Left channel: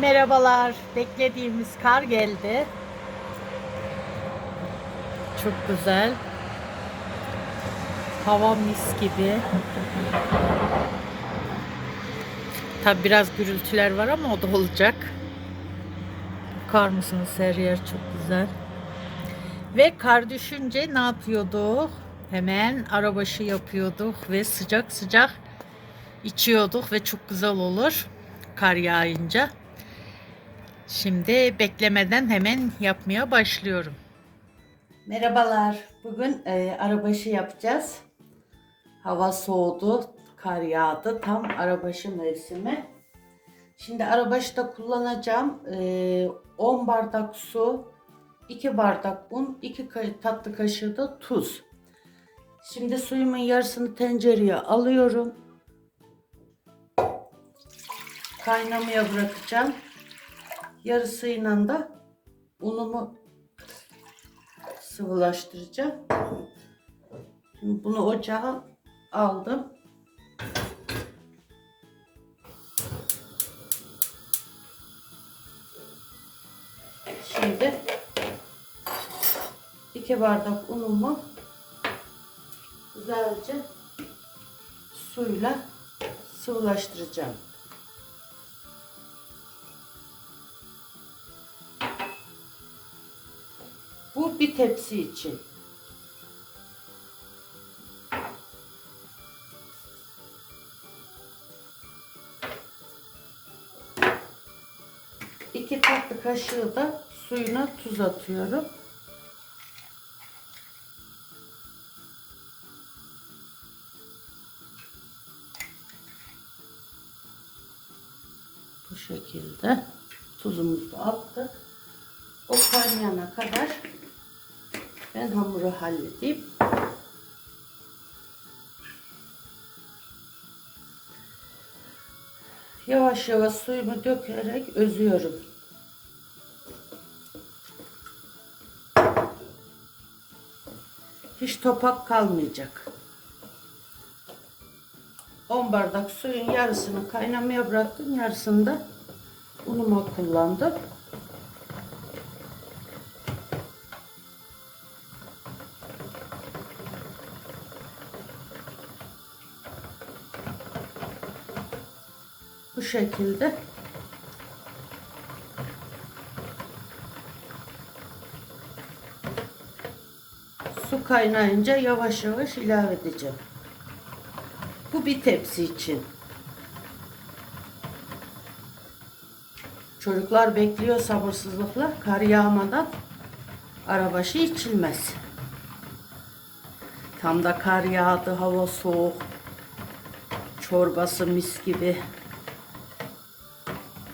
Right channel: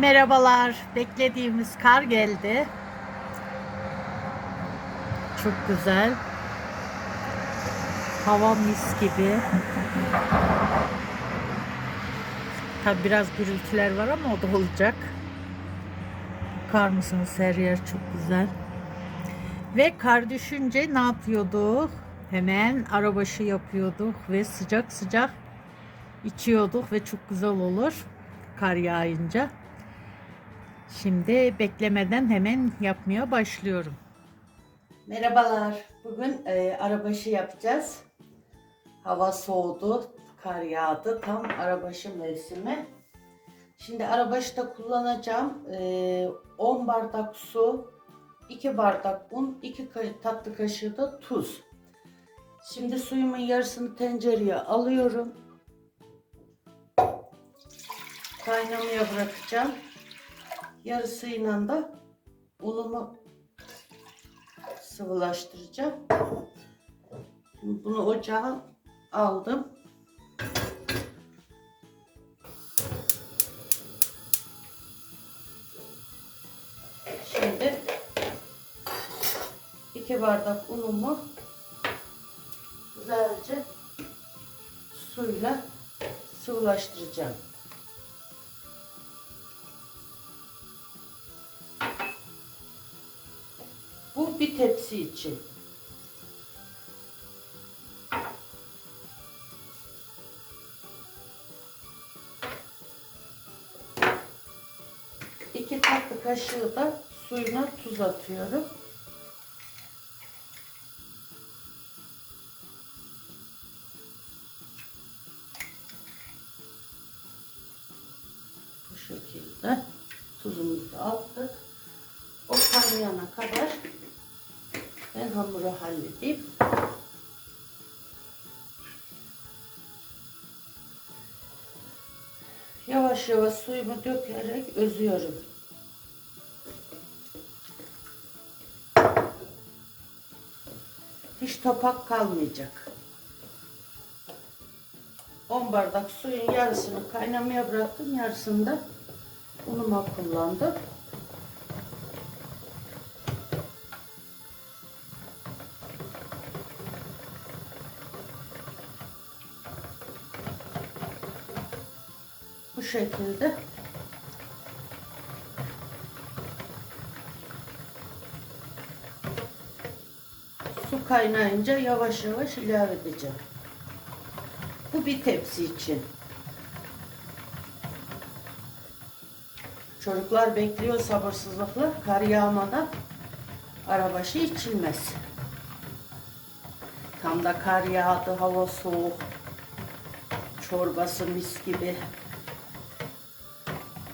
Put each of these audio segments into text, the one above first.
Merhabalar. Beklediğimiz kar geldi. Çok güzel. Hava mis gibi. Tabi biraz gürültüler var ama o da olacak. Bakar mısınız her yer çok güzel. Ve kar düşünce ne yapıyorduk? Hemen arabaşı yapıyorduk ve sıcak sıcak içiyorduk ve çok güzel olur kar yağınca. Şimdi beklemeden hemen yapmaya başlıyorum. Merhabalar. Bugün e, arabaşı yapacağız. Hava soğudu, kar yağdı. Tam arabaşı mevsimi. Şimdi arabaşta kullanacağım e, 10 bardak su, 2 bardak un, 2 ka- tatlı kaşığı da tuz. Şimdi suyumun yarısını tencereye alıyorum. Kaynamaya bırakacağım. Yarısıyla da unumu sıvılaştıracağım. Bunu ocağa aldım. Şimdi iki bardak unumu güzelce suyla sıvılaştıracağım. Bu bir tepsi için. İki tatlı kaşığı da suyuna tuz atıyorum. Bu şekilde tuzumuzu attık. O kaynayana kadar ben hamuru halledeyim. Yavaş yavaş suyumu dökerek özüyorum. Hiç topak kalmayacak. 10 bardak suyun yarısını kaynamaya bıraktım. Yarısını da unuma kullandım. Şekilde su kaynayınca yavaş yavaş ilave edeceğim. Bu bir tepsi için. Çocuklar bekliyor sabırsızlıkla kar yağmadan arabaşı içilmez. Tam da kar yağdı, hava soğuk. Çorbası mis gibi.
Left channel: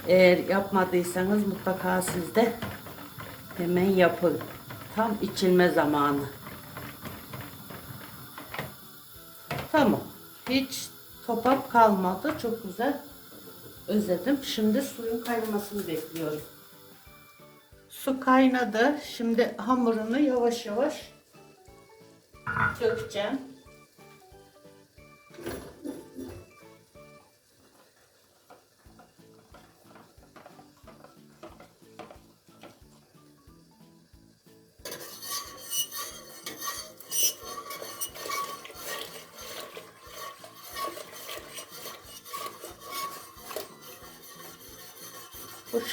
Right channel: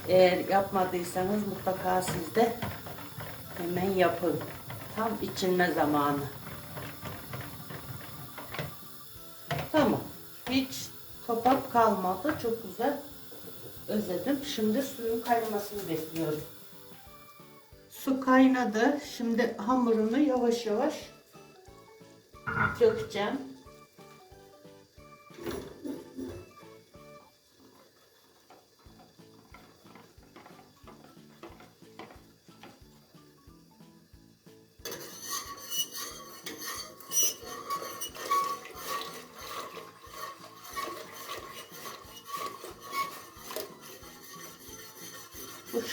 Eğer yapmadıysanız mutlaka siz de hemen yapın. Tam içilme zamanı. Tamam. Hiç topak kalmadı. Çok güzel özledim. Şimdi suyun kaynamasını bekliyorum. Su kaynadı. Şimdi hamurunu yavaş yavaş dökeceğim.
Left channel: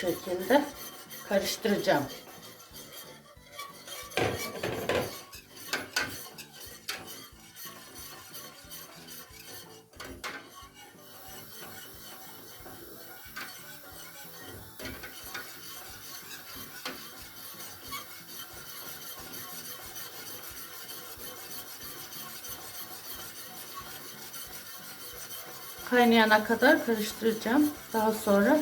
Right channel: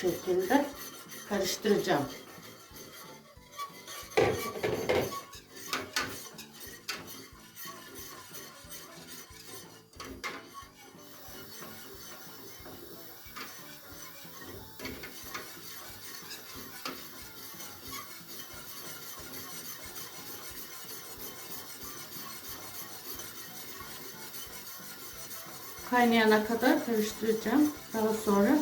Şekilde karıştıracağım. Kaynayana kadar karıştıracağım. Daha sonra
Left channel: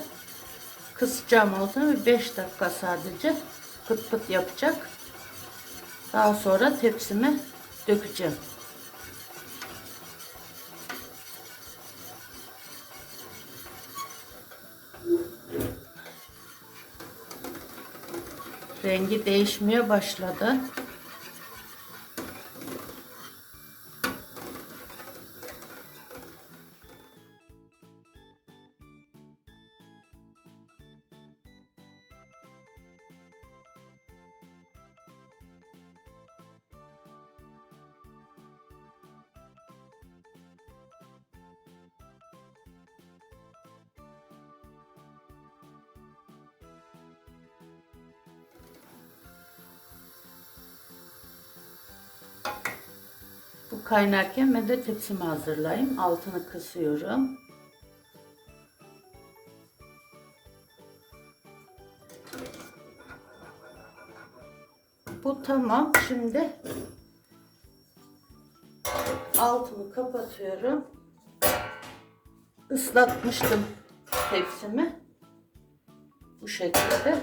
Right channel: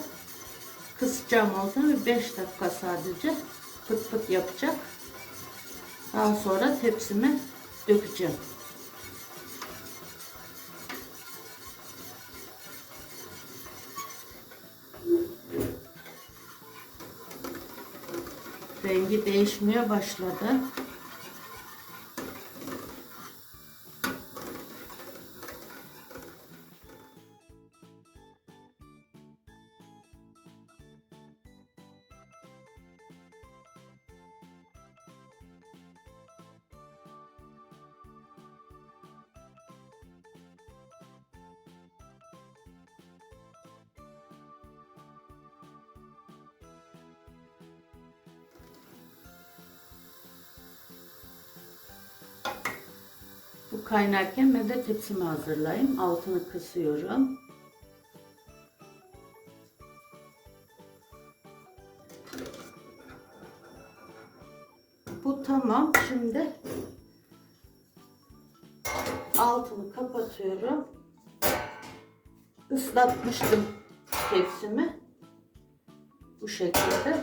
kısacağım altını 5 dakika sadece pıt pıt yapacak. Daha sonra tepsime dökeceğim. Rengi değişmeye başladı. Kaynarken ben de tepsimi hazırlayayım. Altını kısıyorum. Bu tamam. Şimdi altını kapatıyorum. Islatmıştım tepsimi. Bu şekilde.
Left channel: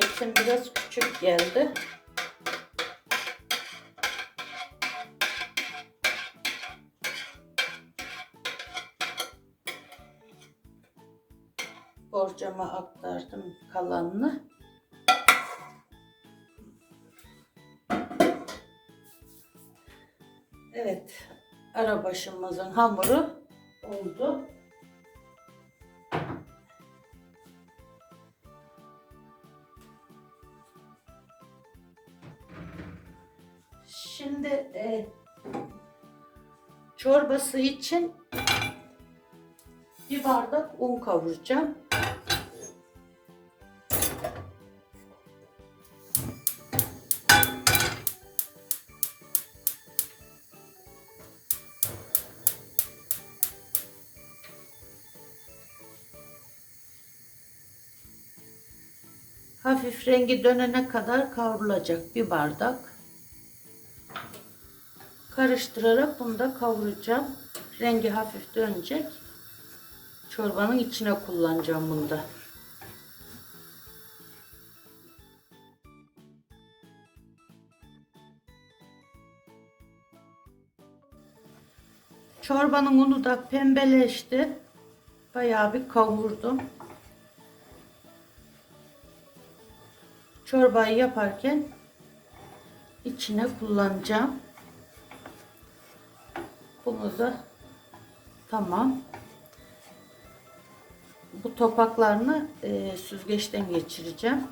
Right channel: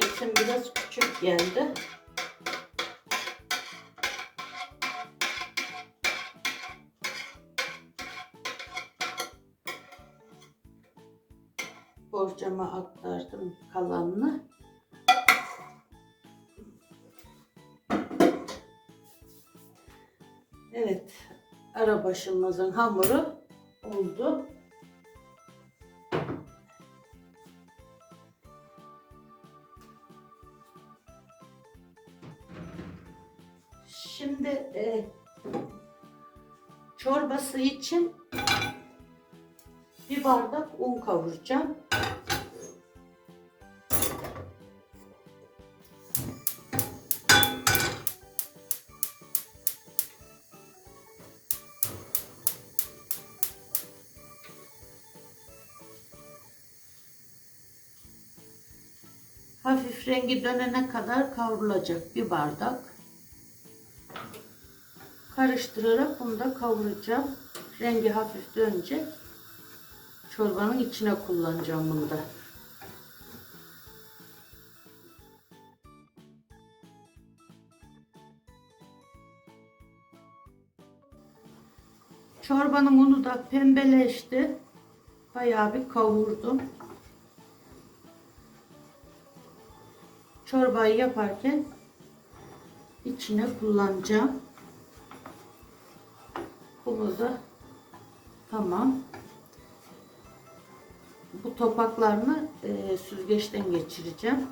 Tepsim biraz küçük geldi. Borcama aktardım kalanını. Evet, arabaşımızın hamuru oldu. Çorbası için bir bardak un kavuracağım. Hafif rengi dönene kadar kavrulacak bir bardak. Karıştırarak bunu da kavuracağım. Rengi hafif dönecek. Çorbanın içine kullanacağım bunu da. Çorbanın unu da pembeleşti. Bayağı bir kavurdum. Çorbayı yaparken içine kullanacağım. Bunu da tamam. Bu topaklarını e, süzgeçten geçireceğim.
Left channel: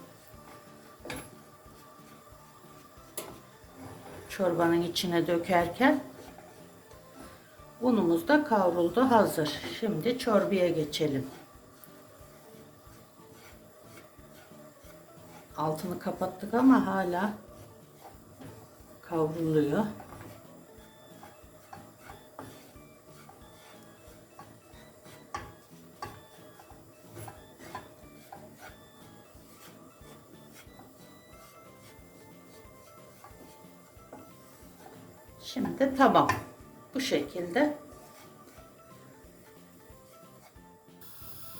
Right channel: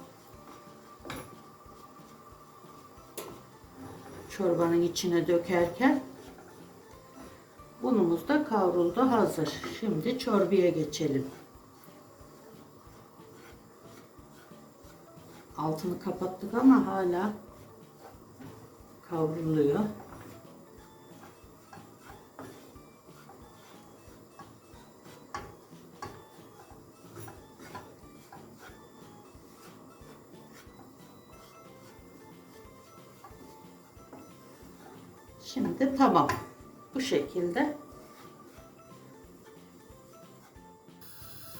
Çorbanın içine dökerken unumuz da kavruldu hazır. Şimdi çorbaya geçelim. Altını kapattık ama hala kavruluyor. Tamam. Bu şekilde.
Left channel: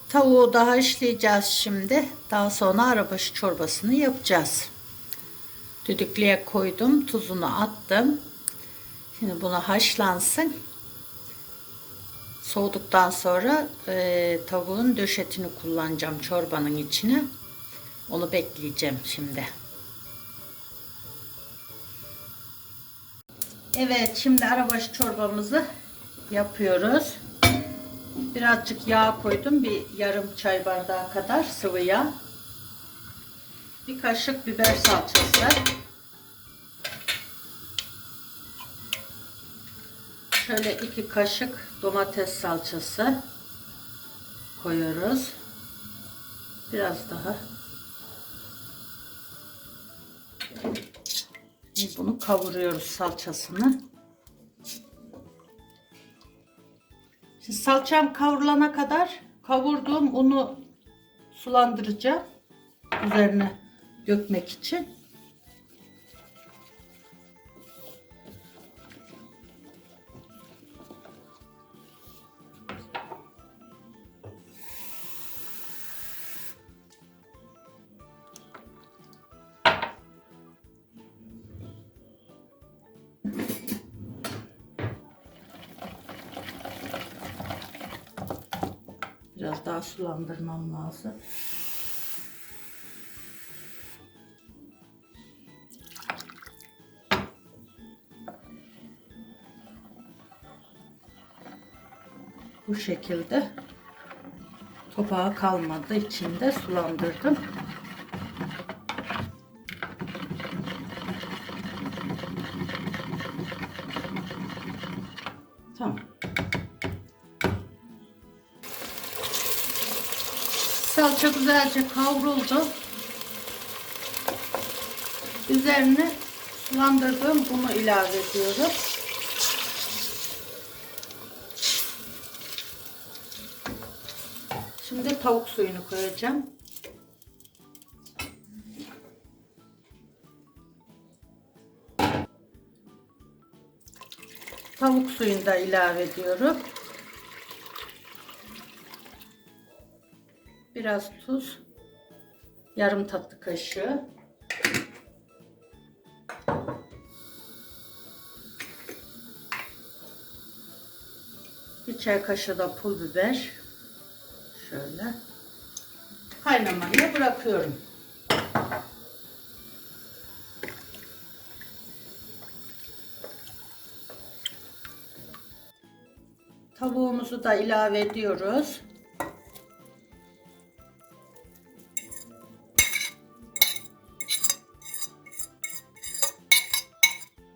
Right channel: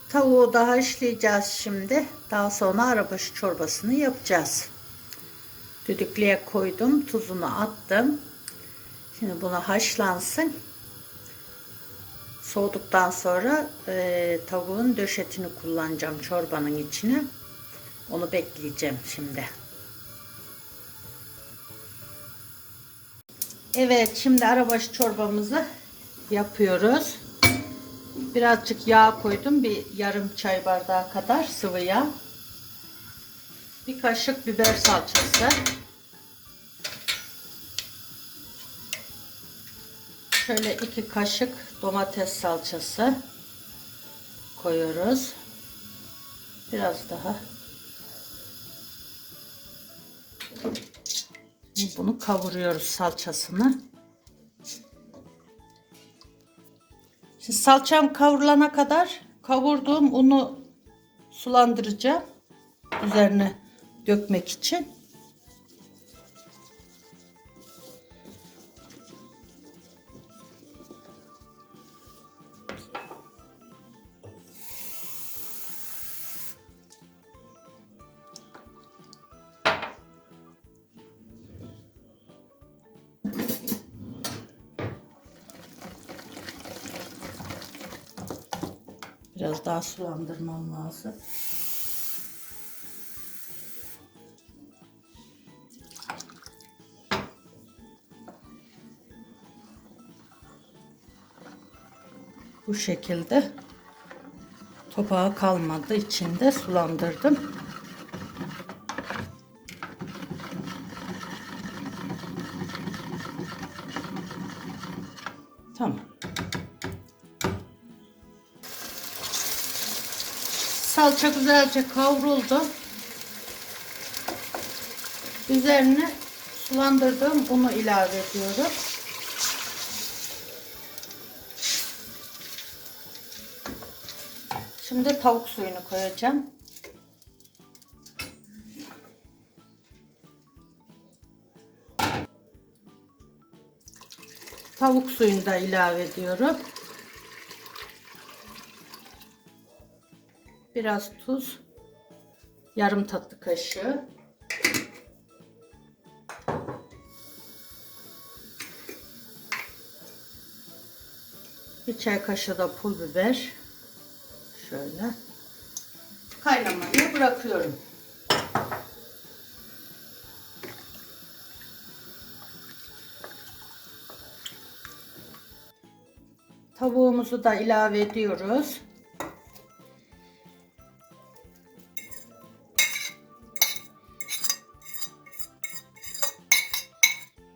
Tavuğu da haşlayacağız şimdi. Daha sonra arabaşı çorbasını yapacağız. Düdüklüye koydum. Tuzunu attım. Şimdi bunu haşlansın. Soğuduktan sonra e, tavuğun döşetini kullanacağım çorbanın içine. Onu bekleyeceğim şimdi. Evet şimdi arabaşı çorbamızı yapıyoruz. Birazcık yağ koydum. Bir yarım çay bardağı kadar sıvı yağ. Bir kaşık biber salçası. Şöyle iki kaşık domates salçası koyuyoruz. Biraz daha. Şimdi Bunu kavuruyoruz salçasını. Şimdi salçam kavrulana kadar kavurduğum unu sulandıracağım. Üzerine dökmek için. Daha sulandırmam lazım. Bu şekilde topağı kalmadı içinde sulandırdım. Tamam. Salça güzelce kavruldu. Üzerine sulandırdığım bunu ilave ediyorum. Şimdi tavuk suyunu koyacağım. Tavuk suyunu da ilave ediyorum. Biraz tuz. Yarım tatlı kaşığı. Bir çay kaşığı da pul biber. Şöyle. Kaynamaya bırakıyorum. Tavuğumuzu da ilave ediyoruz.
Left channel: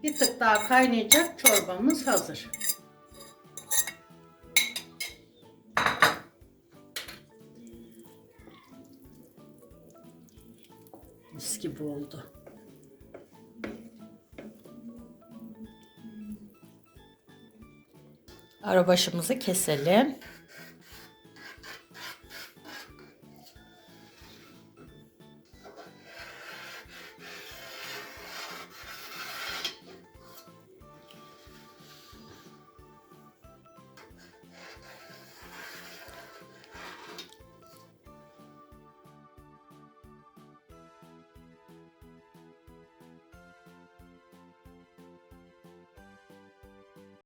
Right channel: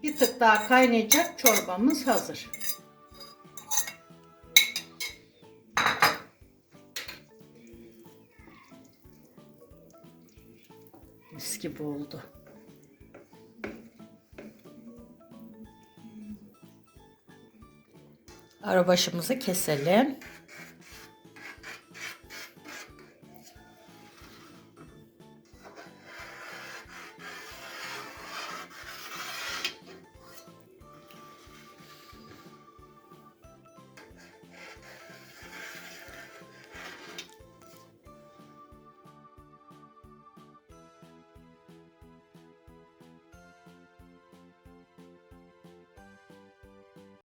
Bir tık daha kaynayacak çorbamız hazır. Mis gibi oldu. Arabaşımızı keselim.